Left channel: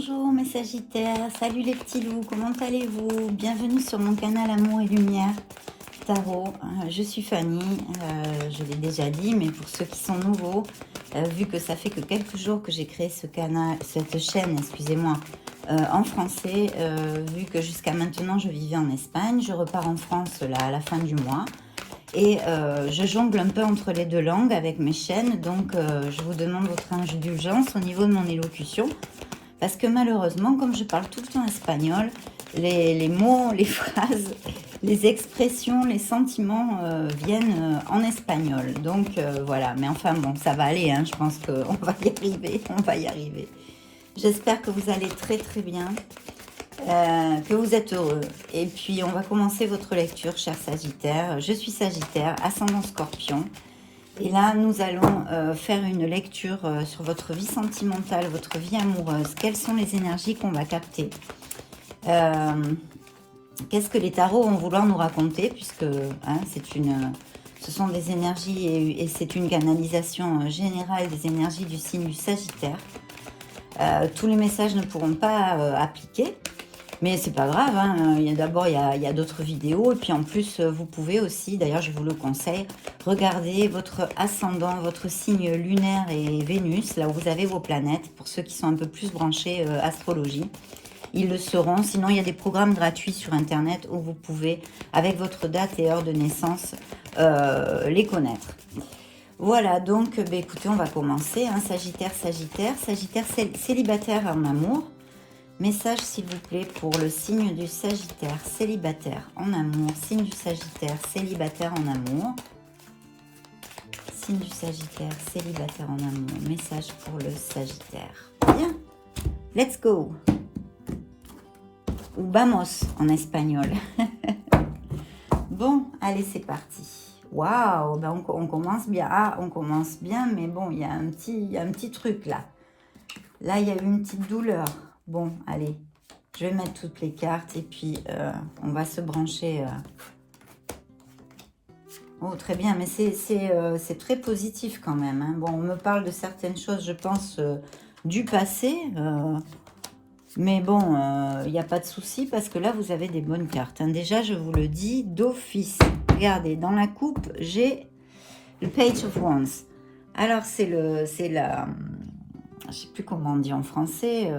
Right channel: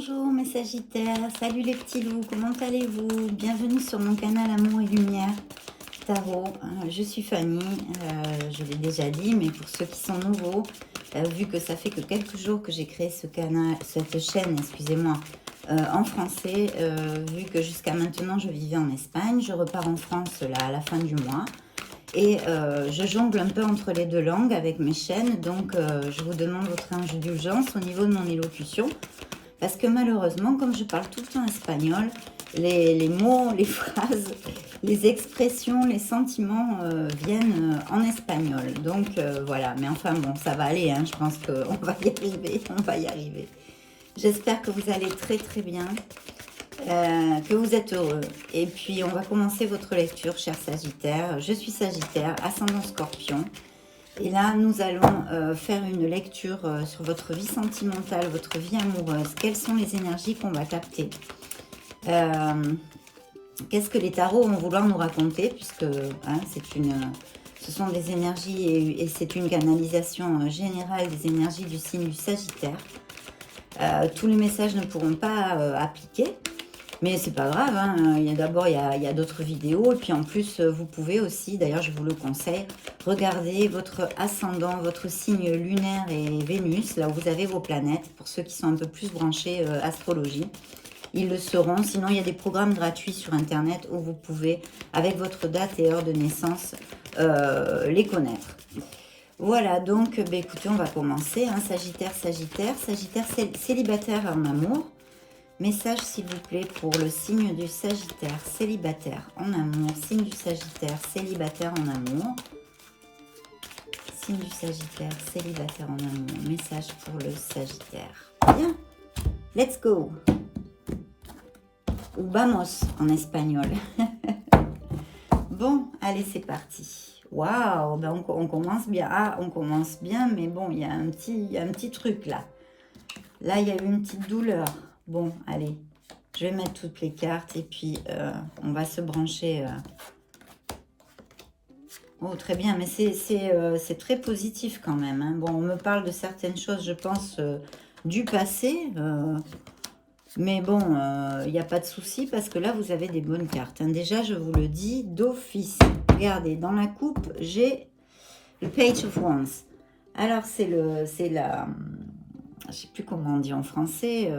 Bonjour mes Sagittaires, salut les petits loups, comment allez-vous? Bienvenue sur mon canal Amour et Lumière Tarot. Je suis Fanny, je l'ai déjà dit, mais pour ceux qui sont nouveaux, vu que ça fait que quelques jours que j'ai créé ce canal, cette chaîne, excusez-moi, en français, vu que jusqu'à maintenant je vivais en Espagne, je repars en France là à la fin du mois. Et je jongle un peu entre les deux langues avec mes chaînes, donc je vous demande votre indulgence au niveau de mon élocution. Parce que malheureusement, comme je parle tout le temps espagnol, les mots, les phrases, les expressions, les sentiments viennent en espagnol. Donc voilà, mais enfin bon, ça va aller, hein, je pense qu'on va y arriver, on va y arriver. J'espère que vous allez très très bien, que vous êtes heureux. Et puis on va commencer votre lecture, chers Sagittaires. Je suis Sagittaire, ascendant Scorpion. Et là, nous allons faire une lecture sur votre vie sentimentale, votre vie amoureuse. Quelles sont les énergies qu'on va capter? Qu'est-ce que les tarots vont vouloir nous raconter? Puisque hein, ce sont des énergies et c'est une canalisation générale des énergies du signe du Sagittaire. Tous les messages ne pourront pas appliquer. Mais c'est pas grave, hein. D'abord il y a d'autres vidéos et puis en plus vous pouvez aussi, d'ailleurs je vous le conseille, regarder votre ascendant, votre signe lunaire et Vénus, là où vous avez vos planètes, pour ceux qui sont un peu plus branchés astrologie. Ils le seront, sinon il y a des programmes gratuits sur internet où vous pouvez, avec votre date et heure de naissance, les connaître. Voilà, donc écoutez, on va commencer, hein. Sagittaire, célibataire en amour. Message s'il vous plaît pour le signe du Sagittaire, célibataire en amour. Signe du Sagittaire, célibataire en amour. Signe du Sagittaire, célibataire en amour. Message pour le Sagittaire. Bien, let's go. Ou vamos en espagnol. Bon, allez, c'est parti. Waouh, ben on commence bien. Ah, on commence bien, mais bon, il y a un petit truc là. Là, il y a eu une petite douleur. Bon, allez, je vais mettre toutes les cartes et puis on va se brancher. Oh, très bien, mais c'est très positif quand même, hein. Bon, on me parle de certaines choses, je pense, du passé. Mais bon, il n'y a pas de souci parce que là, vous avez des bonnes cartes, hein. Déjà, je vous le dis, d'office. Regardez, dans la coupe, j'ai le Page of Wands. Alors, c'est la... Je ne sais plus comment on dit en français.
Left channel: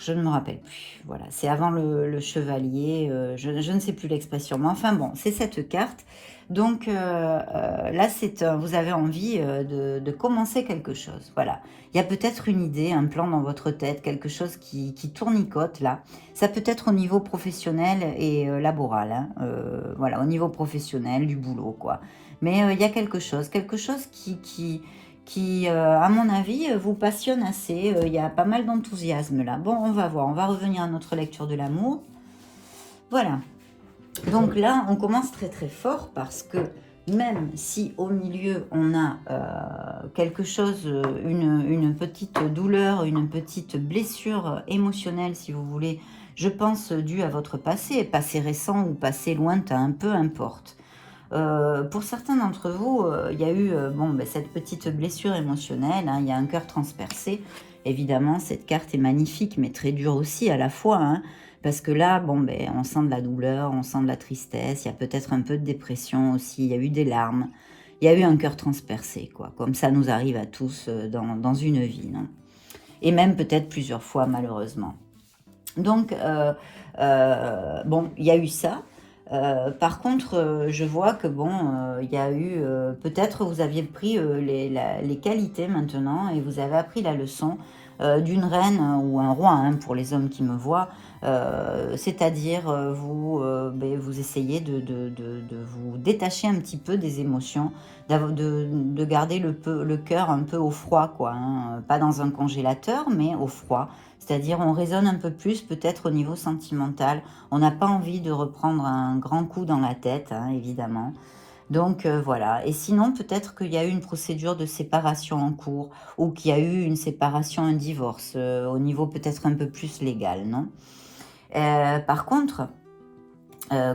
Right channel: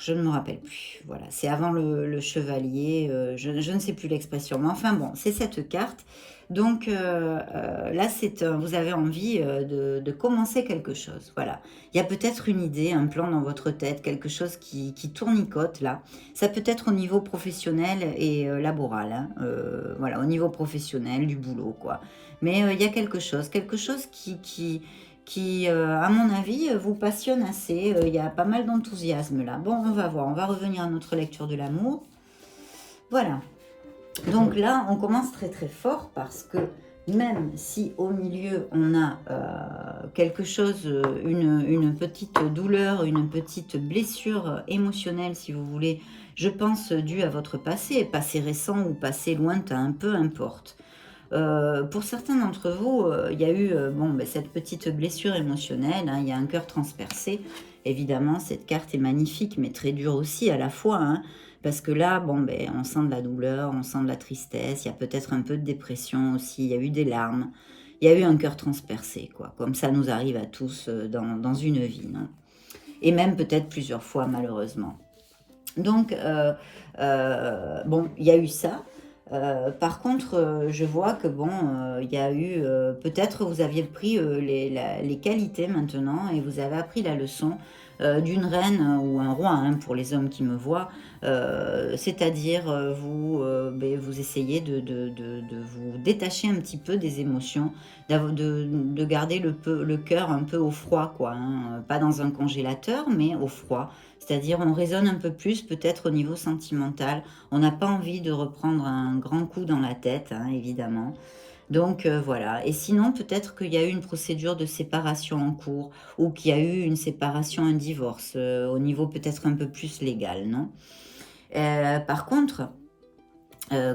Je ne me rappelle plus. Voilà, c'est avant le chevalier. Je ne sais plus l'expression. Mais enfin bon, c'est cette carte. Donc là, vous avez envie de commencer quelque chose. Voilà. Il y a peut-être une idée, un plan dans votre tête, quelque chose qui tournicote là. Ça peut être au niveau professionnel et laboral. Hein. Voilà, au niveau professionnel, du boulot, quoi. Mais il y a quelque chose qui, à mon avis, vous passionne assez. Il y a pas mal d'enthousiasme là. Bon, on va voir. On va revenir à notre lecture de l'amour. Voilà. Donc là, on commence très très fort parce que même si au milieu, on a quelque chose, une petite douleur, une petite blessure émotionnelle, si vous voulez, je pense, due à votre passé récent ou passé lointain, peu importe. Pour certains d'entre vous, il y a eu cette petite blessure émotionnelle, hein, il y a un cœur transpercé. Évidemment, cette carte est magnifique, mais très dure aussi à la fois, hein, parce que là, on sent de la douleur, on sent de la tristesse, il y a peut-être un peu de dépression aussi, il y a eu des larmes, il y a eu un cœur transpercé, quoi, comme ça nous arrive à tous dans une vie, non? Et même peut-être plusieurs fois, malheureusement. Donc, il y a eu ça. Par contre, je vois que il y a eu, peut-être vous aviez pris les qualités maintenant et vous avez appris la leçon d'une reine ou un roi, hein, pour les hommes qui me voient, c'est-à-dire vous essayez de vous détacher un petit peu des émotions, de garder le cœur un peu au froid, quoi, hein, pas dans un congélateur, mais au froid. C'est-à-dire on raisonne un peu plus peut-être au niveau sentimental. On n'a pas envie de reprendre un grand coup dans la tête, hein, évidemment. Donc voilà. Et sinon, peut-être qu'il y a eu une procédure de séparation en cours ou qu'il y a eu une séparation, un divorce, au niveau peut-être un peu plus légal, non? Par contre,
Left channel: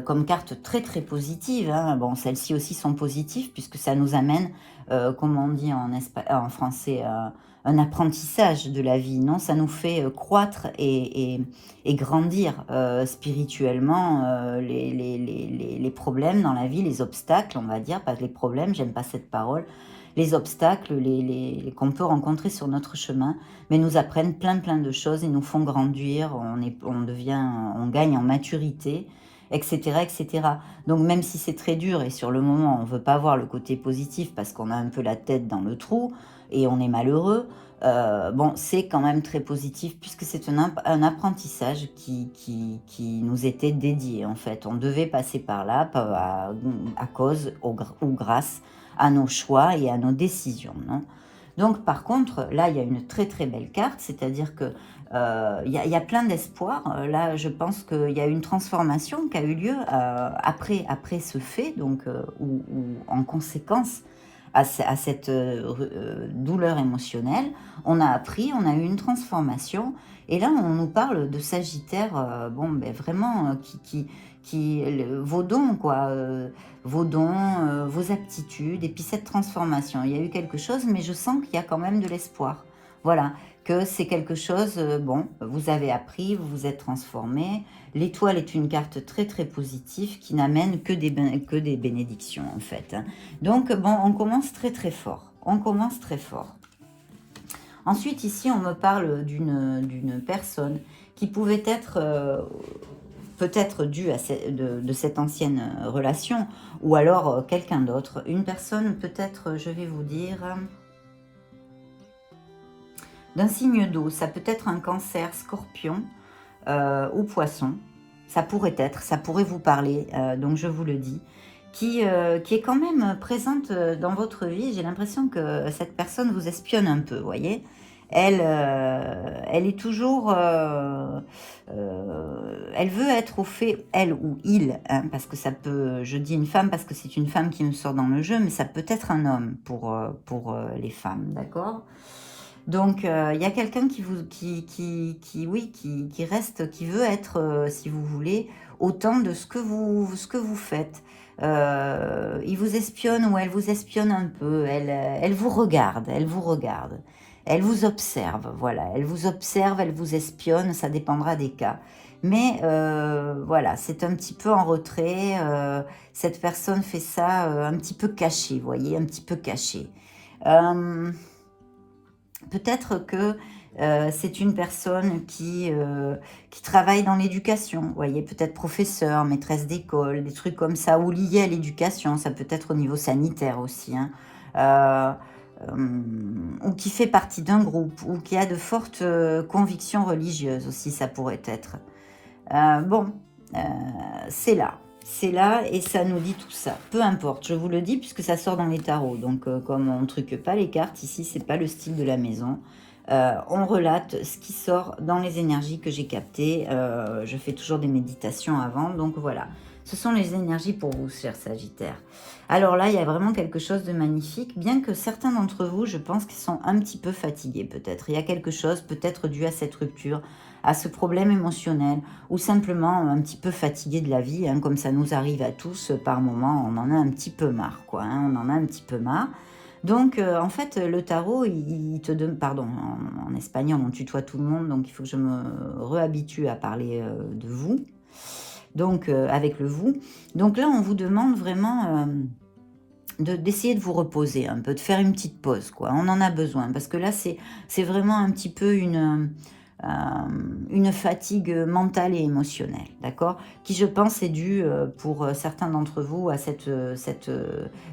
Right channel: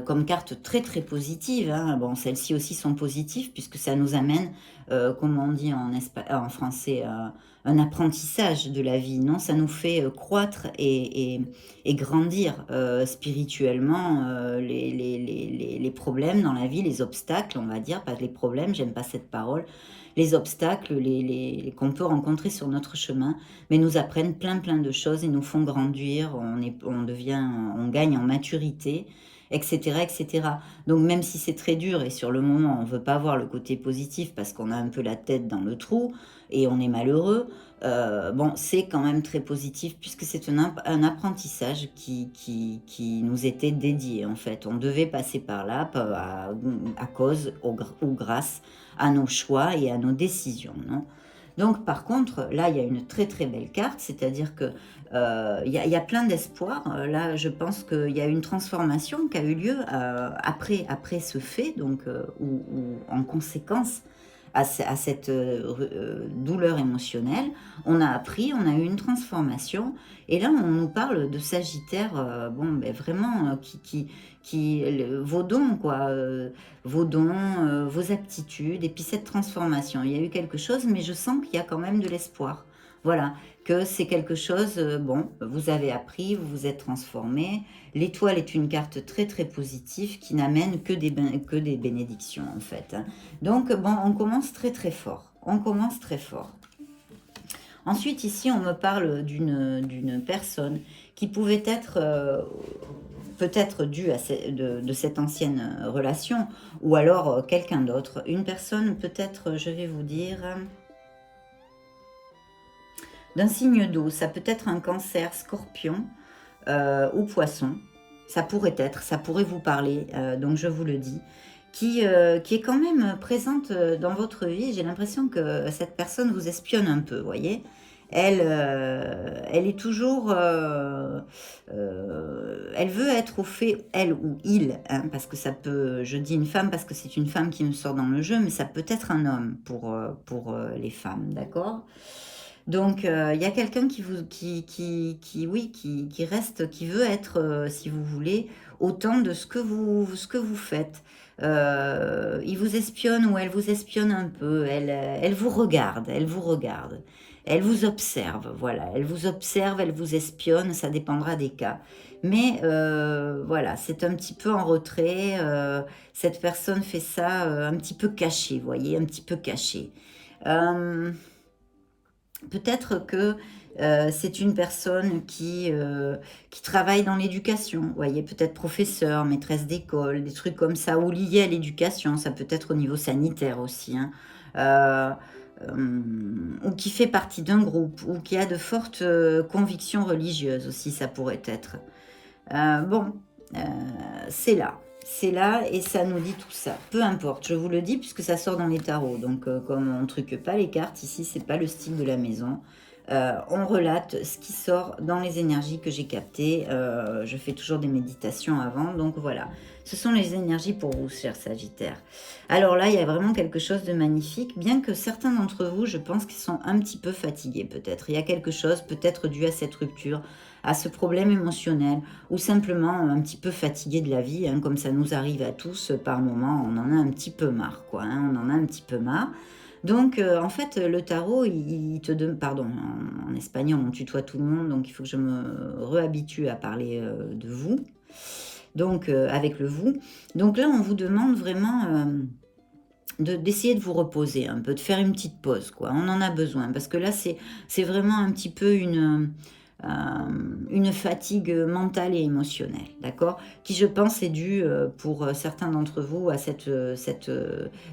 comme carte très très positive, hein. Bon, celles-ci aussi sont positives puisque ça nous amène, comme on dit en français, un apprentissage de la vie, non? Ça nous fait croître et grandir spirituellement, les problèmes dans la vie, les obstacles, on va dire, pas les problèmes, j'aime pas cette parole, les obstacles qu'on peut rencontrer sur notre chemin, mais nous apprennent plein plein de choses et nous font grandir, on gagne en maturité, etc., etc. Donc même si c'est très dur et sur le moment on ne veut pas voir le côté positif parce qu'on a un peu la tête dans le trou et on est malheureux, bon, c'est quand même très positif puisque c'est un apprentissage qui nous était dédié en fait. On devait passer par là à cause ou grâce à nos choix et à nos décisions, non? Donc par contre, là, il y a une très très belle carte, c'est-à-dire que il y a plein d'espoir. Là, je pense qu'il y a une transformation qui a eu lieu après ce fait, donc, ou en conséquence à cette douleur émotionnelle. On a appris, on a eu une transformation. Et là, on nous parle de Sagittaire, bon, ben, vraiment, vos dons, quoi. Vos dons, vos aptitudes, et puis cette transformation. Il y a eu quelque chose, mais je sens qu'il y a quand même de l'espoir. Voilà, que c'est quelque chose, bon, vous avez appris, vous vous êtes transformé. L'étoile est une carte très très positive qui n'amène que des bénédictions en fait. Donc bon, on commence très très fort. On commence très fort. Ensuite, ici, on me parle d'une personne qui pouvait être peut-être due à de cette ancienne relation, ou alors quelqu'un d'autre. Une personne peut-être, je vais vous dire, d'un signe d'eau. Ça peut être un Cancer, Scorpion ou Poisson. Ça pourrait vous parler, donc je vous le dis. Qui est quand même présente dans votre vie. J'ai l'impression que cette personne vous espionne un peu, vous voyez. Elle est toujours... elle veut être au fait, elle ou il, hein, parce que ça peut... Je dis une femme parce que c'est une femme qui me sort dans le jeu, mais ça peut être un homme pour les femmes, d'accord? Donc, il y a quelqu'un qui reste, qui veut être, si vous voulez, autant de ce que vous faites. Il vous espionne ou elle vous espionne un peu. Elle vous regarde, elle vous regarde. Elle vous observe, voilà. Elle vous observe, elle vous espionne, ça dépendra des cas. Mais voilà, c'est un petit peu en retrait. Cette personne fait ça un petit peu caché, vous voyez, un petit peu caché. Peut-être que c'est une personne qui travaille dans l'éducation, vous voyez, peut-être professeur, maîtresse d'école, des trucs comme ça, ou liés à l'éducation, ça peut être au niveau sanitaire aussi, hein, ou qui fait partie d'un groupe, ou qui a de fortes convictions religieuses aussi, ça pourrait être. Bon, c'est là. C'est là et ça nous dit tout ça. Peu importe, je vous le dis puisque ça sort dans les tarots. Donc comme on ne truque pas les cartes, ici c'est pas le style de la maison. On relate ce qui sort dans les énergies que j'ai captées. Je fais toujours des méditations avant. Donc voilà, ce sont les énergies pour vous, chers Sagittaires. Alors là, il y a vraiment quelque chose de magnifique. Bien que certains d'entre vous, je pense qu'ils sont un petit peu fatigués peut-être. Il y a quelque chose peut-être dû à cette rupture, à ce problème émotionnel, ou simplement un petit peu fatigué de la vie, hein, comme ça nous arrive à tous par moment, on en a un petit peu marre, quoi, hein, on en a un petit peu marre. Donc, en fait, le tarot, il te donne, pardon, en espagnol, on tutoie tout le monde, donc il faut que je me réhabitue à parler de vous, donc avec le vous. Donc là, on vous demande vraiment d'essayer de vous reposer un peu, de faire une petite pause, quoi. On en a besoin, parce que là, c'est vraiment un petit peu une fatigue mentale et émotionnelle, d'accord? Qui, je pense, est due pour certains d'entre vous à cette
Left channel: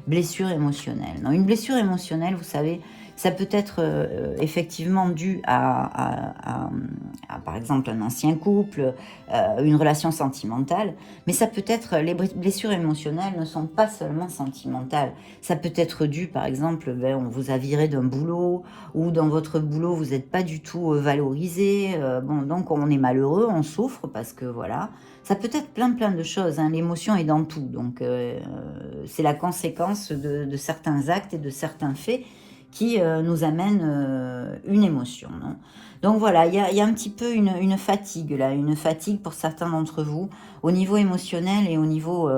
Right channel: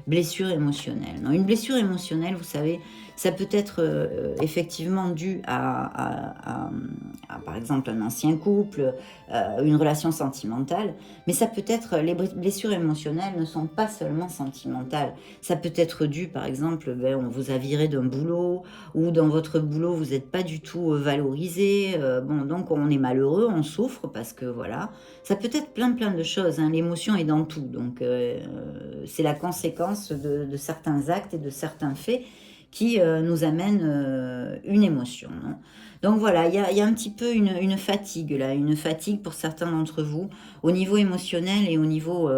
blessure émotionnelle. Non, une blessure émotionnelle, vous savez, ça peut être effectivement dû à, par exemple, un ancien couple, une relation sentimentale, mais ça peut être, les blessures émotionnelles ne sont pas seulement sentimentales. Ça peut être dû, par exemple, on vous a viré d'un boulot, ou dans votre boulot, vous n'êtes pas du tout valorisé. Bon, donc on est malheureux, on souffre, parce que voilà, ça peut être plein de choses, hein. L'émotion est dans tout, donc c'est la conséquence de certains actes et de certains faits qui nous amène une émotion. Non, donc voilà, il y a un petit peu une fatigue là, une fatigue pour certains d'entre vous au niveau émotionnel et au niveau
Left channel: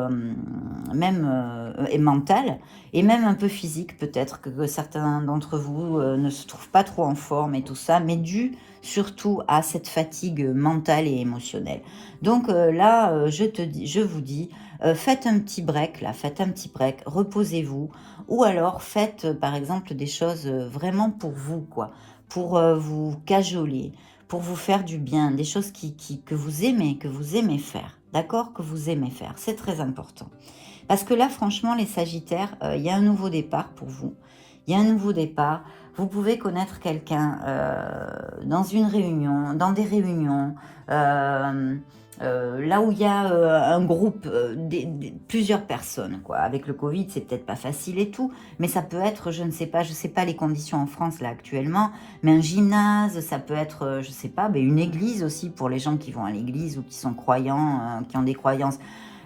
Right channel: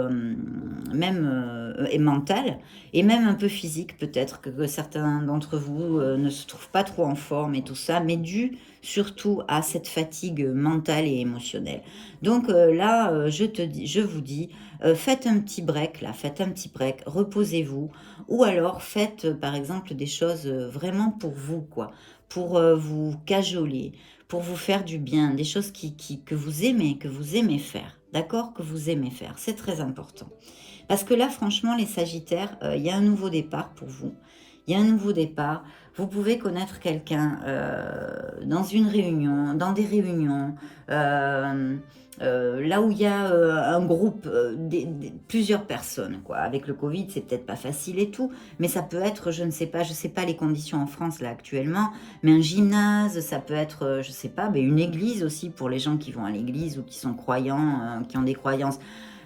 même et mental, et même un peu physique peut-être, que certains d'entre vous ne se trouvent pas trop en forme et tout ça, mais dû surtout à cette fatigue mentale et émotionnelle. Donc là, je vous dis, faites un petit break là, faites un petit break, reposez-vous, ou alors faites par exemple des choses vraiment pour vous, quoi, pour vous cajoler, pour vous faire du bien, des choses que vous aimez faire, d'accord, que vous aimez faire, c'est très important. Parce que là, franchement, les Sagittaires, il y a un nouveau départ pour vous. Il y a un nouveau départ. Vous pouvez connaître quelqu'un dans une réunion, dans des réunions, là où il y a un groupe, plusieurs personnes, quoi. Avec le Covid, c'est peut-être pas facile et tout, mais ça peut être, je ne sais pas les conditions en France là actuellement, mais un gymnase, ça peut être, je sais pas, mais une église aussi pour les gens qui vont à l'église ou qui sont croyants, qui ont des croyances.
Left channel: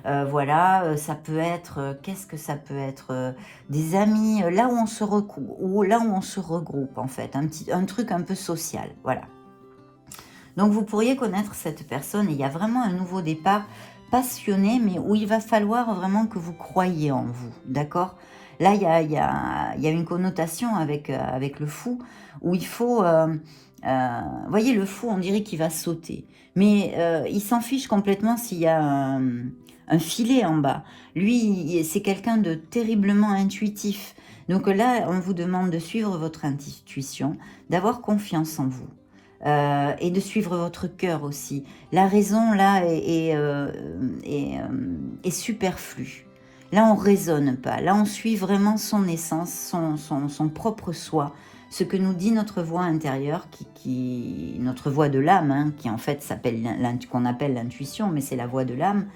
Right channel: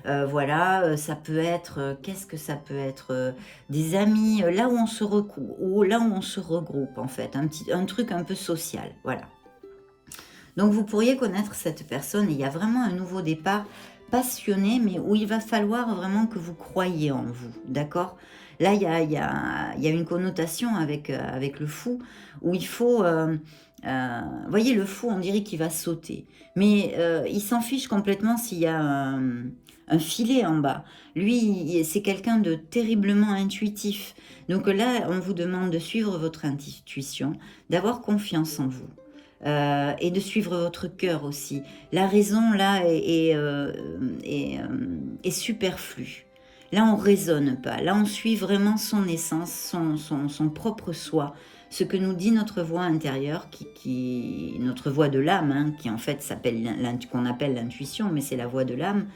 Voilà, ça peut être, qu'est-ce que ça peut être, des amis, là où on se recoupe, ou là où on se regroupe en fait, un truc un peu social, voilà. Donc vous pourriez connaître cette personne, et il y a vraiment un nouveau départ passionné, mais où il va falloir vraiment que vous croyiez en vous, d'accord? Là, il y a une connotation avec le fou, où il faut... voyez, le fou, on dirait qu'il va sauter. Mais il s'en fiche complètement s'il y a un filet en bas. Lui, c'est quelqu'un de terriblement intuitif. Donc là, on vous demande de suivre votre intuition, d'avoir confiance en vous. Et de suivre votre cœur aussi. La raison, là, est superflue. Là, on ne raisonne pas. Là, on suit vraiment son essence, son propre soi. Ce que nous dit notre voix intérieure, notre voix de l'âme, hein, qui en fait s'appelle, qu'on appelle l'intuition, mais c'est la voix de l'âme.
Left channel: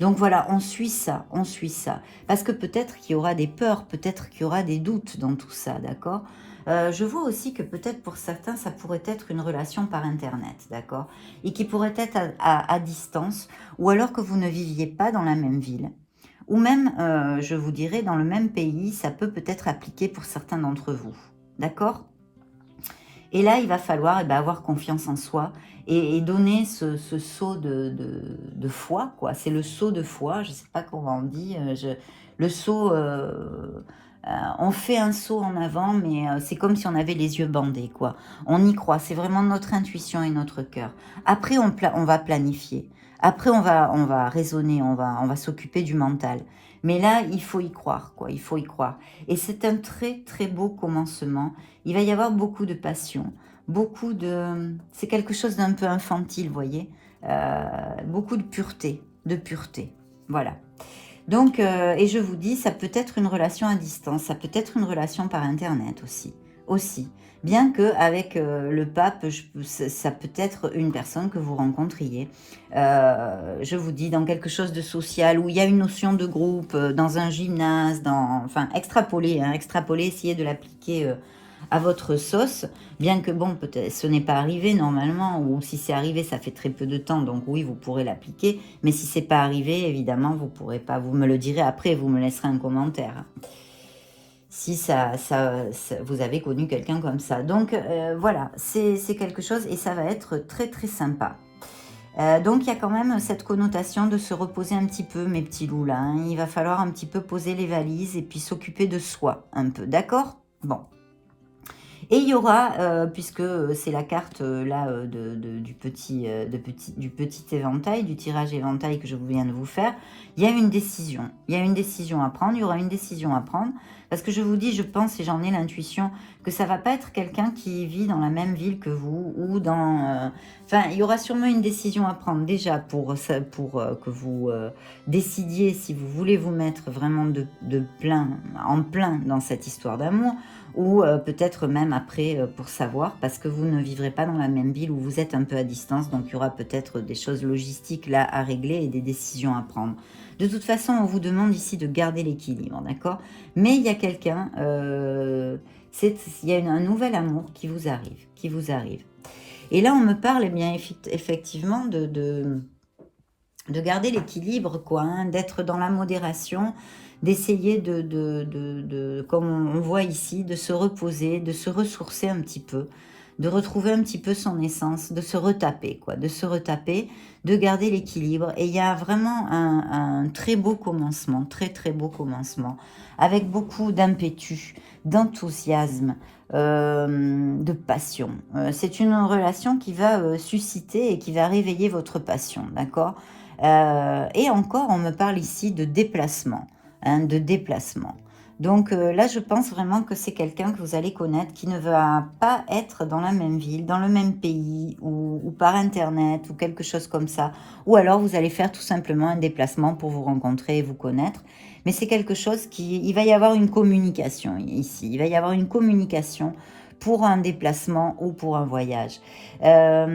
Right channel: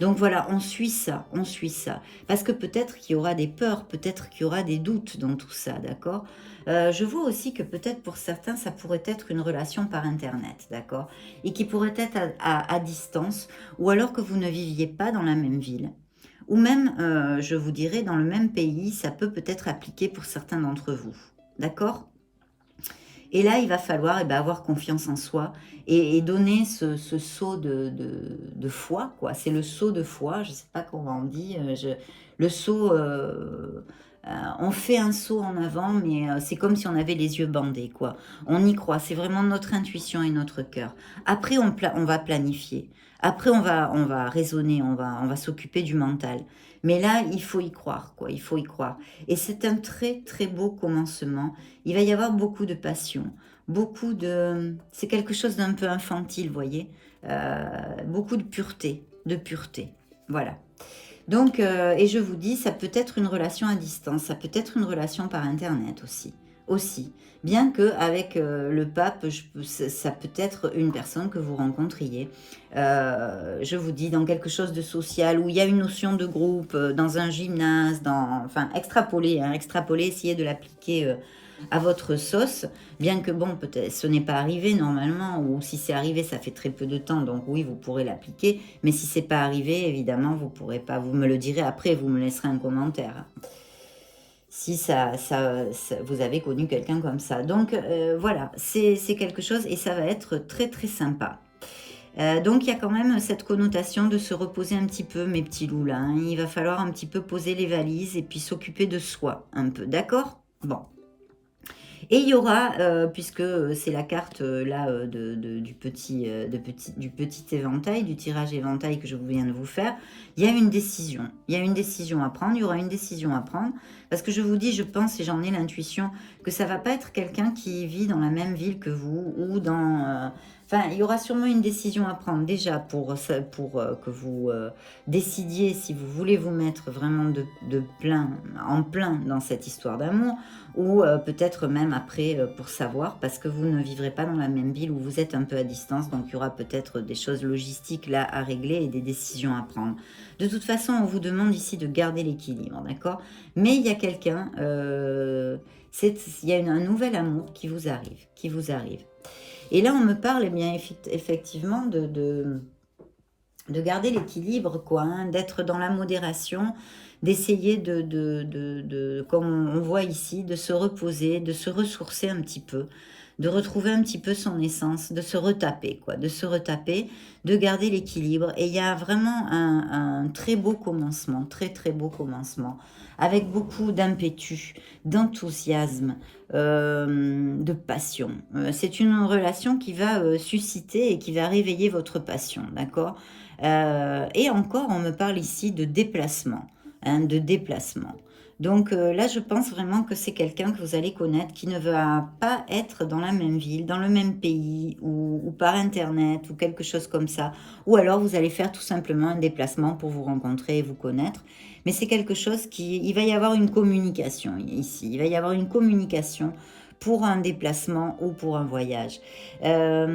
Donc voilà, on suit ça, on suit ça. Parce que peut-être qu'il y aura des peurs, peut-être qu'il y aura des doutes dans tout ça, d'accord? Je vois aussi que peut-être pour certains, ça pourrait être une relation par Internet, d'accord? Et qui pourrait être à distance, ou alors que vous ne viviez pas dans la même ville. Ou même, je vous dirais, dans le même pays, ça peut peut-être appliquer pour certains d'entre vous, d'accord? Et là, il va falloir avoir confiance en soi et donner ce saut de foi, quoi. C'est le saut de foi, je ne sais pas comment on dit. Le saut, on fait un saut en avant, mais c'est comme si on avait les yeux bandés, quoi. On y croit, c'est vraiment notre intuition et notre cœur. Après, on va planifier. Après, on va raisonner, on va s'occuper du mental. Mais là, il faut y croire, quoi. Il faut y croire. Et c'est un très, très beau commencement. Il va y avoir beaucoup de passion, beaucoup de... C'est quelque chose d'un peu infantile, vous voyez. Beaucoup de pureté, Voilà. Donc, et je vous dis, ça peut être une relation à distance, ça peut être une relation par Internet aussi. Bien que avec le pape, ça peut être une personne que vous rencontriez. Je vous dis, dans quelque chose de social, où il y a une notion de groupe, dans un gymnase, enfin, extrapoler, essayez de l'appliquer à votre sauce, bien que bon, peut-être ce n'est pas arrivé normalement, ou si c'est arrivé, ça fait très peu de temps, donc oui, vous pourrez l'appliquer, mais si c'est pas arrivé, évidemment, vous pourrez pas, vous me le direz après, vous me laisserez un commentaire. Si vous avez connu quelqu'un comme ça. Donc voilà, c'est quelque chose, et ça va être très très sympa. Donc il y a quand même cette connotation de se reposer un petit peu, mes petits loups là, hein. Il va falloir un petit peu poser les valises et puis s'occuper de soi un peu, d'accord? Bon. Et il y aura, puisque c'est la carte là du petit éventail, du tirage éventail que je viens de vous faire, il y a une décision. Il y a une décision à prendre, il y aura une décision à prendre. Parce que je vous dis, je pense et j'en ai l'intuition que ça ne va pas être quelqu'un qui vit dans la même ville que vous ou dans... Enfin, il y aura sûrement une décision à prendre déjà pour que vous décidiez si vous voulez vous mettre vraiment en plein dans cette histoire d'amour, ou peut-être même après pour savoir, parce que vous ne vivrez pas dans la même ville, où vous êtes un peu à distance, donc il y aura peut-être des choses logistiques là à régler et des décisions à prendre. De toute façon, on vous demande ici de garder l'équilibre, d'accord? Mais il y a quelqu'un, il y a un nouvel amour qui vous arrive. Et là, on me parle, eh bien, effectivement, de garder l'équilibre, quoi, hein, d'être dans la modération, d'essayer comme on voit ici, de se reposer, de se ressourcer un petit peu, de retrouver un petit peu son essence, de se retaper, quoi, de se retaper, de garder l'équilibre. Et il y a vraiment un très beau commencement, très très beau commencement, avec beaucoup d'impétus, d'enthousiasme, de passion. C'est une relation qui va susciter et qui va réveiller votre passion, d'accord? Et encore, on me parle ici de déplacement, hein, de déplacement. Donc là, je pense vraiment que c'est quelqu'un que vous allez connaître qui ne va pas être dans la même ville, dans le même pays, ou par Internet, ou quelque chose comme ça. Ou alors, vous allez faire tout simplement un déplacement pour vous rencontrer et vous connaître. Mais c'est quelque chose il va y avoir une communication ici. Il va y avoir une communication pour un déplacement ou pour un voyage. Là,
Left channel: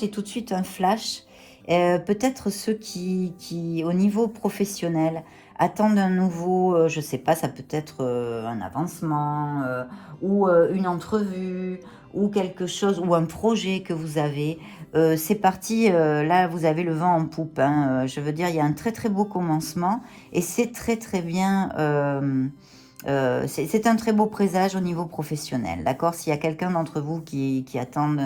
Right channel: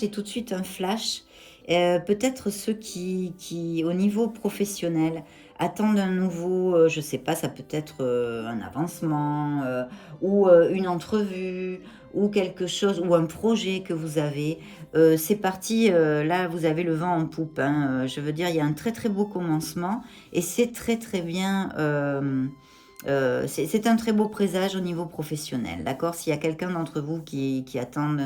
j'ai tout de suite un flash. Peut-être ceux qui, au niveau professionnel, attendent un nouveau, je ne sais pas, ça peut être un avancement, ou une entrevue, ou quelque chose, ou un projet que vous avez. C'est parti, là vous avez le vent en poupe, hein, je veux dire, il y a un très très beau commencement, et c'est très très bien, c'est un très beau présage au niveau professionnel, d'accord? S'il y a quelqu'un d'entre vous qui attendent,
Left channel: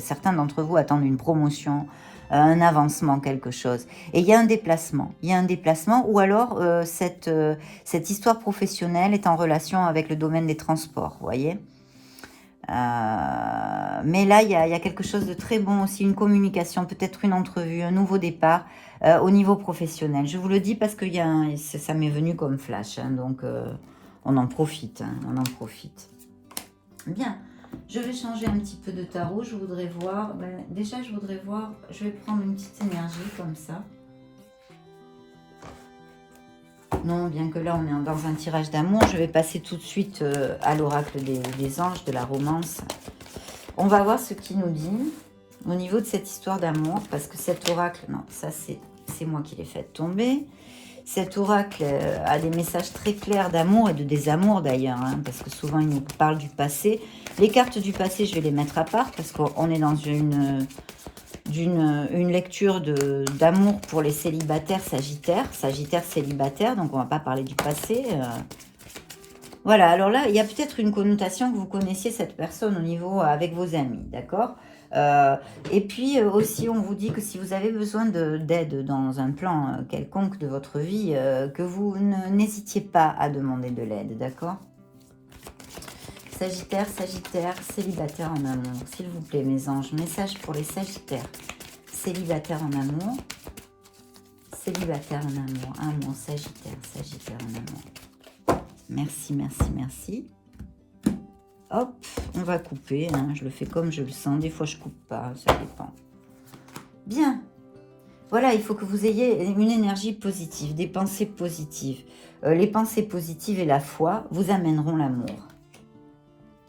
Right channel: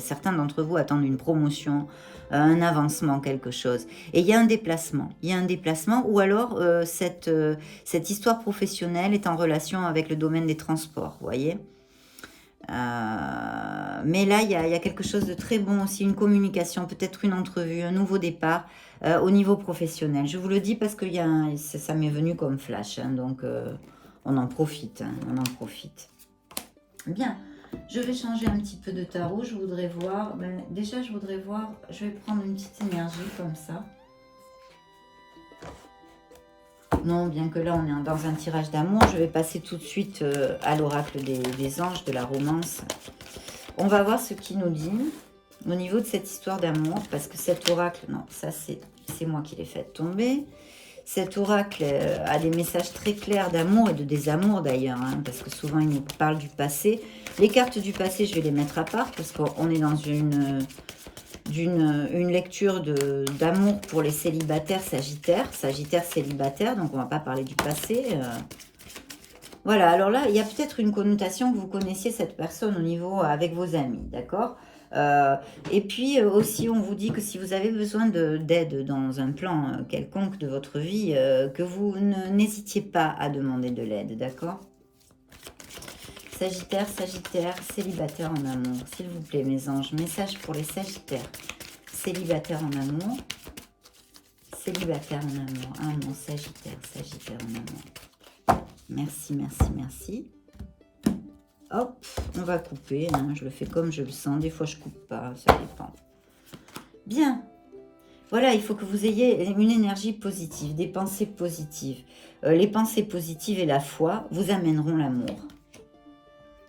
certains d'entre vous attendent une promotion, un avancement, quelque chose. Et il y a un déplacement. Il y a un déplacement, ou alors cette histoire professionnelle est en relation avec le domaine des transports, vous voyez. Mais là, il y a quelque chose de très bon aussi, une communication, peut-être une entrevue, un nouveau départ au niveau professionnel. Je vous le dis parce que ça m'est venu comme flash, hein, donc on en profite, hein, on en profite. Bien. Je vais changer un petit peu de tarot, je voudrais voir, déjà je voudrais voir, je vais prendre une petite énergie comme ça. Non, bien que là on est dans un tirage d'amour, je vais passer tout de suite à l'oracle des anges, de la romance. On va voir ce qu'il nous dit au niveau de cette histoire d'amour, parce que cet oracle, non, ça c'est moi qui l'ai fait tomber. Cet oracle a des messages très clairs d'amour et de désamour d'ailleurs, hein, parce que souvent il nous parle du passé. Les cartes du passé, je vais les mettre à part, parce qu'on est dans une lecture d'amour pour les célibataires sagittaires célibataires, donc on ne va pas parler du passé. Voilà, alors là, il y a peut-être une connotation que vous connaissiez cette personne au niveau avec vos amis, d'accord ? Et puis aussi, on vous dit que si vous avez besoin d'aide dans un plan quelconque de votre vie, que vous n'hésitiez pas à demander de l'aide, d'accord? Sagittaire, célibataire en amour. S'il vous plaît, mes anges, message pour les sagittaires. Célibataire en amour. Célibataire en amour. Ah mon sagittaire en amour. Merci, merci, merci. Hop, on va couper, hein, je le fais comme je le sens, des fois je coupe pas, ça dépend. Bien, voilà, il faut que vous ayez une énergie positive, des pensées positives. Les pensées positives et la foi vous amèneront l'amour.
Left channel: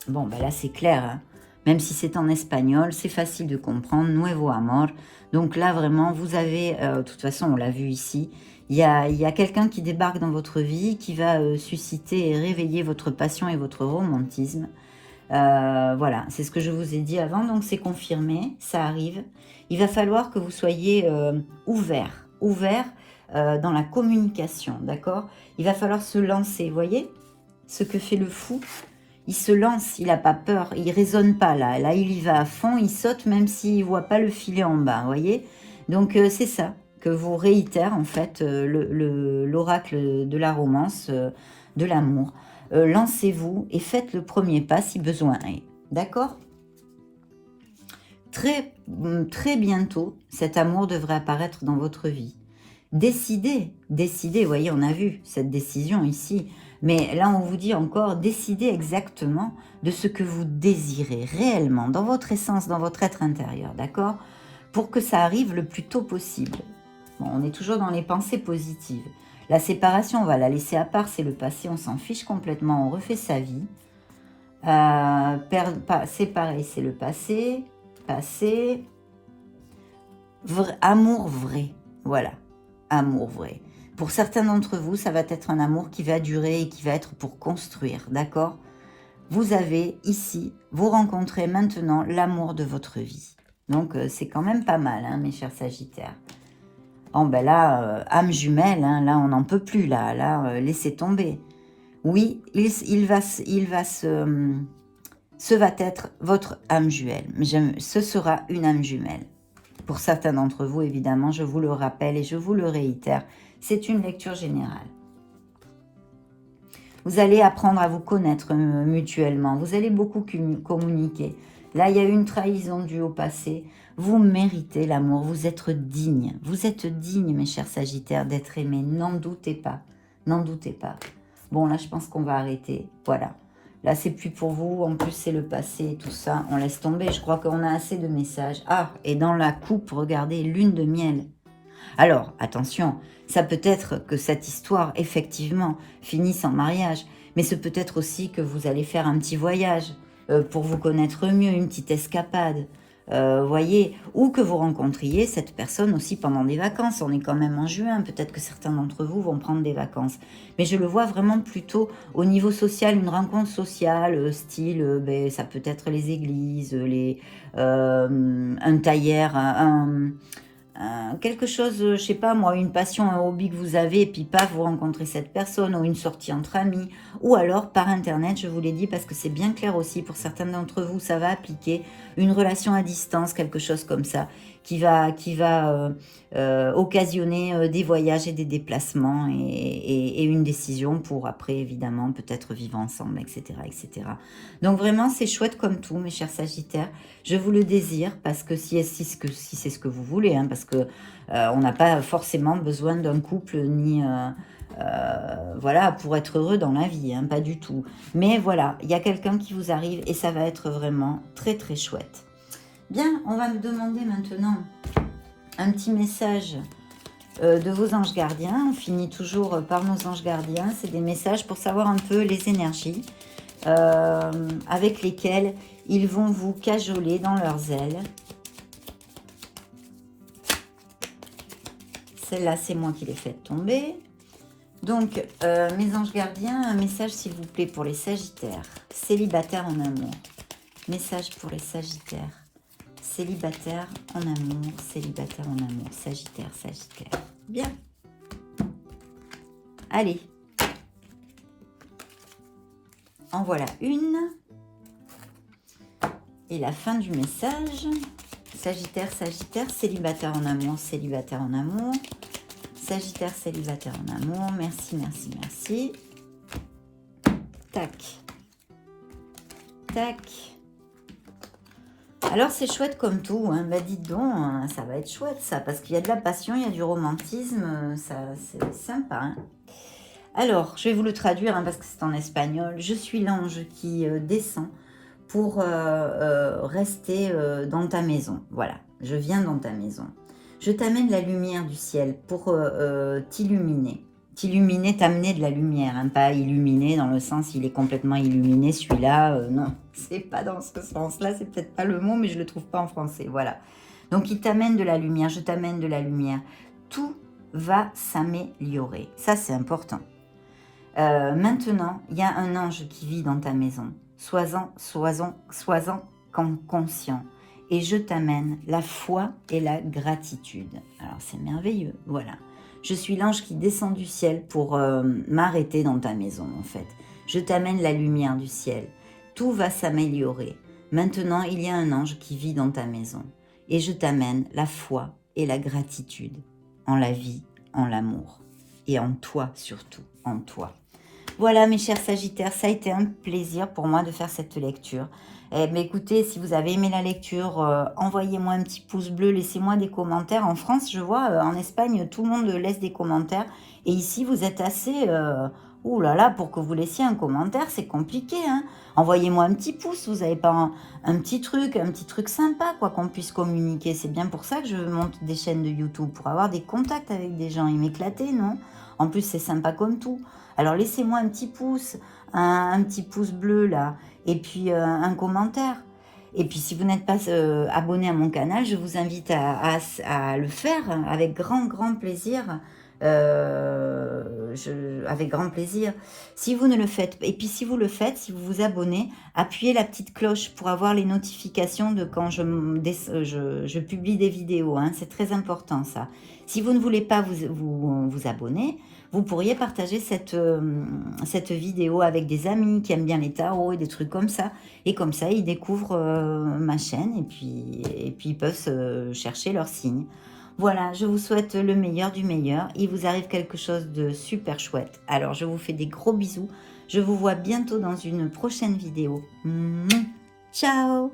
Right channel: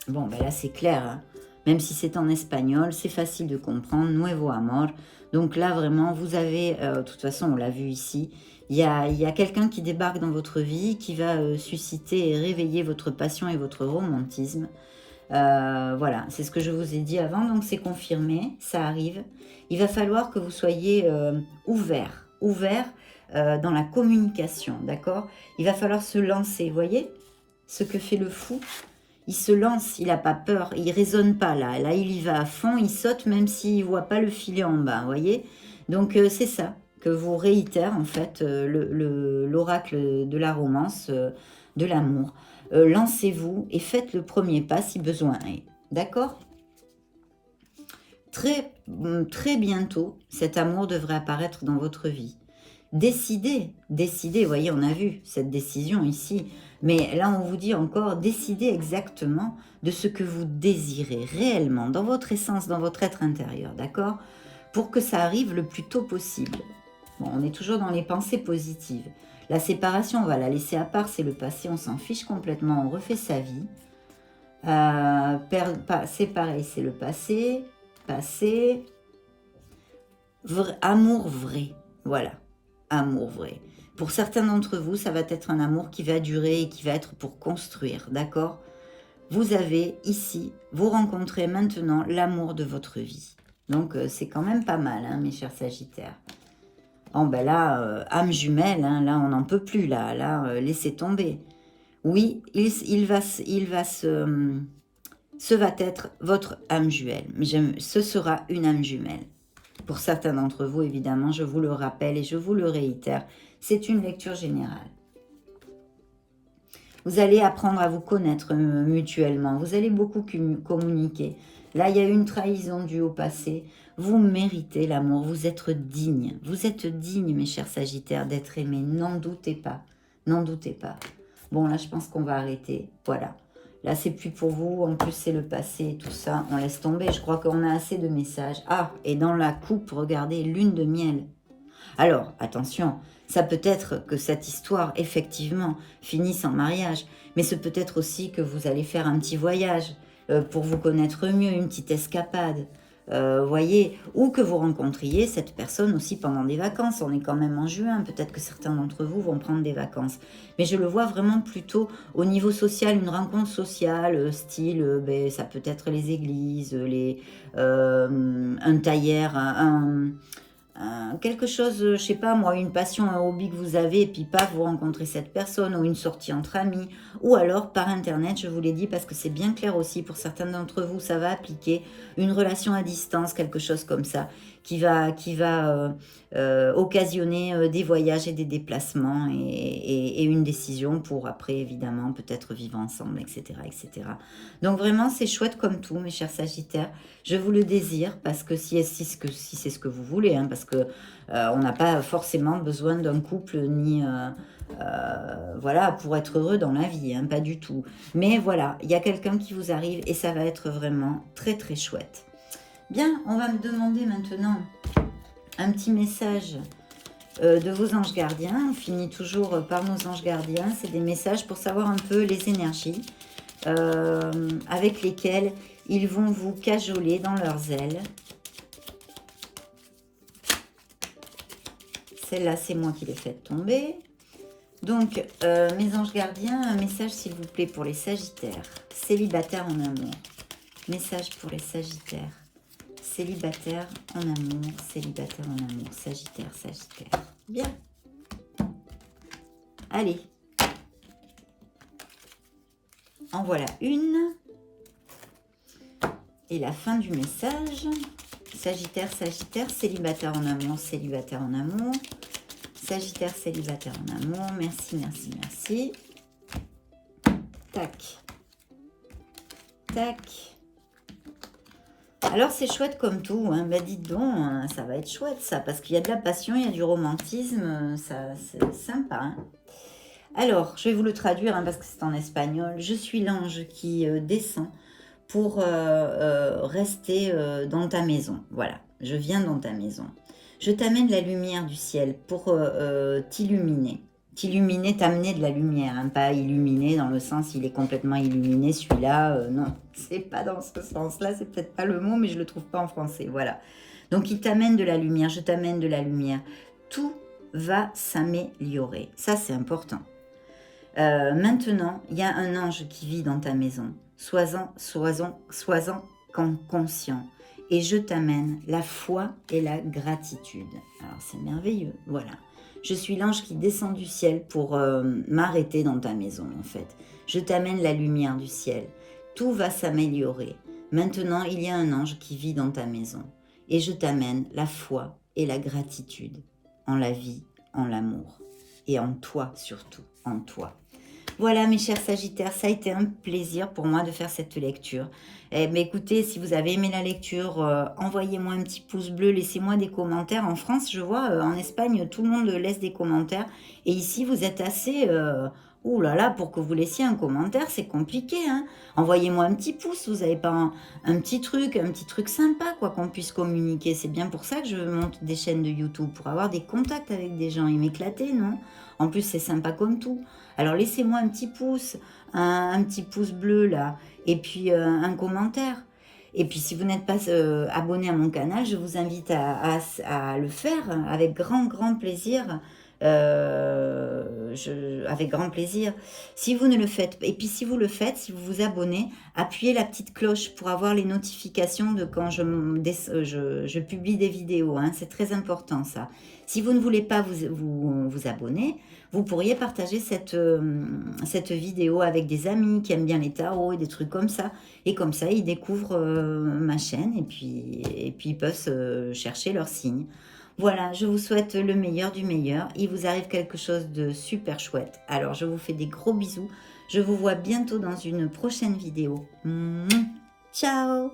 Bon, ben là c'est clair, hein. Même si c'est en espagnol, c'est facile de comprendre, nuevo amor. Donc là vraiment, vous avez, de toute façon on l'a vu ici, il y a quelqu'un qui débarque dans votre vie, qui va susciter et réveiller votre passion et votre romantisme. Voilà, c'est ce que je vous ai dit avant, donc c'est confirmé, ça arrive. Il va falloir que vous soyez ouvert dans la communication, d'accord? Il va falloir se lancer, vous voyez ce que fait le fou? Il se lance, il n'a pas peur, il ne raisonne pas là. Là, il y va à fond, il saute même s'il ne voit pas le filet en bas, vous voyez? Donc, c'est ça que vous réitère en fait l'oracle de la romance, de l'amour. Lancez-vous et faites le premier pas si besoin est. D'accord? Très, très bientôt, cet amour devrait apparaître dans votre vie. Décidez, vous voyez, on a vu cette décision ici. Mais là, on vous dit encore, décidez exactement de ce que vous désirez réellement, dans votre essence, dans votre être intérieur, d'accord? Pour que ça arrive le plus tôt possible. Bon, on est toujours dans les pensées positives. La séparation, on va la laisser à part, c'est le passé, on s'en fiche complètement, on refait sa vie. Séparer, c'est le passé. Passé. Amour vrai, voilà, amour vrai. Pour certains d'entre vous, ça va être un amour qui va durer et qui va être pour construire, d'accord? Vous avez ici, vous rencontrez maintenant l'amour de votre vie. Donc, c'est quand même pas mal, hein, mes chers sagittaires. Bon, ben là, âme jumelle, hein, là, on n'en peut plus, là, laissez tomber. Oui, ce va être votre âme jumelle, mais ce sera une âme jumelle. Pour certains d'entre vous, évidemment, je vous le rappelle et je vous le réitère, c'est une lecture générale. Vous allez apprendre à vous connaître mutuellement. Vous allez beaucoup communiquer. Là, il y a une trahison due au passé. Vous méritez l'amour. Vous êtes digne. Vous êtes digne, mes chers Sagittaires, d'être aimés. N'en doutez pas. N'en doutez pas. Bon, là, je pense qu'on va arrêter. Voilà. Là, c'est plus pour vous. En plus, c'est le passé, tout ça. On laisse tomber. Je crois qu'on a assez de messages. Ah, et dans la coupe, regardez, lune de miel. Alors, attention, ça peut être que cette histoire, effectivement, finisse en mariage, mais ce peut être aussi que vous allez faire un petit voyage pour vous connaître mieux, une petite escapade, voyez, ou que vous rencontriez cette personne aussi pendant des vacances. On est quand même en juin, peut-être que certains d'entre vous vont prendre des vacances. Mais je le vois vraiment plutôt au niveau social, une rencontre sociale, style, ça peut être les églises, un tailleur, quelque chose, je sais pas moi, une passion, un hobby que vous avez, et puis pas vous rencontrez cette personne, ou une sortie entre amis, ou alors par internet, je vous l'ai dit, parce que c'est bien clair aussi, pour certains d'entre vous, ça va appliquer une relation à distance, quelque chose comme ça, qui va occasionner des voyages et des déplacements, et une décision pour après, évidemment, peut-être vivre ensemble, etc., etc. Donc vraiment, c'est chouette comme tout, mes chers Sagittaires. Je vous le désire, parce que si c'est ce que vous voulez, hein, parce que on n'a pas forcément besoin d'un couple, ni voilà, pour être heureux dans la vie, hein, pas du tout. Mais voilà, il y a quelqu'un qui vous arrive, et ça va être vraiment très très chouette. Bien, on va me demander maintenant un petit message de vos anges gardiens. On finit toujours par nos anges gardiens. C'est des messages pour savoir un peu les énergies avec lesquelles ils vont vous cajoler dans leurs ailes. Celle-là, c'est moi qui l'ai fait tomber. Donc, mes anges gardiens, un message s'il vous plaît pour les Sagittaires. Célibataires en amour. Message pour les Sagittaires. Célibataire en amour, célibataire en amour, Sagittaire, Sagittaire. Bien. Allez. En voilà une. Et la fin du message. Sagittaire, Sagittaire, célibataire en amour, célibataire en amour. Sagittaire, célibataire en amour. Merci, merci, merci. Tac. Tac. Alors, c'est chouette comme tout, hein. Bah, dites donc, ça va être chouette, ça, parce qu'il y a de la passion, il y a du romantisme, ça, c'est sympa, hein. Alors, je vais vous le traduire, hein, parce que c'est en espagnol. Je suis l'ange qui descend pour rester dans ta maison. Voilà, je viens dans ta maison. Je t'amène la lumière du ciel pour t'illuminer. T'illuminer, t'amener de la lumière, hein, pas illuminer dans le sens il est complètement illuminé, celui-là, non, c'est pas dans ce sens-là, c'est peut-être pas le mot, mais je le trouve pas en français, voilà. Donc il t'amène de la lumière, je t'amène de la lumière, tout va s'améliorer, ça c'est important. Maintenant, il y a un ange qui vit dans ta maison, sois-en conscient, et je t'amène la foi et la gratitude. Alors c'est merveilleux, voilà. Je suis l'ange qui descend du ciel pour m'arrêter dans ta maison, en fait. Je t'amène la lumière du ciel. Tout va s'améliorer. Maintenant, il y a un ange qui vit dans ta maison. Et je t'amène la foi et la gratitude en la vie, en l'amour. Et en toi, surtout, en toi. Voilà, mes chers Sagittaires, ça a été un plaisir pour moi de faire cette lecture. Eh bien, écoutez, si vous avez aimé la lecture, envoyez-moi un petit pouce bleu, laissez-moi des commentaires. En France, je vois, en Espagne, tout le monde laisse des commentaires. Et ici, vous êtes assez... ouh là là, pour que vous laissiez un commentaire, c'est compliqué, hein. Envoyez-moi un petit pouce, vous n'avez pas un petit truc sympa, quoi, qu'on puisse communiquer. C'est bien pour ça que je monte des chaînes de YouTube, pour avoir des contacts avec des gens et m'éclater, non? En plus, c'est sympa comme tout. Alors, laissez-moi un petit pouce, un petit pouce bleu, là, et puis un commentaire. Et puis, si vous n'êtes pas abonné à mon canal, je vous invite à le faire avec grand, grand plaisir. avec grand plaisir. Si vous ne le faites, et puis si vous le faites, si vous vous abonnez, appuyez la petite cloche pour avoir les notifications de quand je publie des vidéos, hein. C'est très important ça. Si vous ne voulez pas vous abonner, vous pourriez partager cette vidéo avec des amis qui aiment bien les tarots et des trucs comme ça. Et comme ça, ils découvrent ma chaîne et puis ils peuvent chercher leur signe. Voilà, je vous souhaite le meilleur du meilleur. Il vous arrive quelque chose de super chouette. Alors, je vous fais des gros bisous. Je vous vois bientôt dans une prochaine vidéo. Ciao!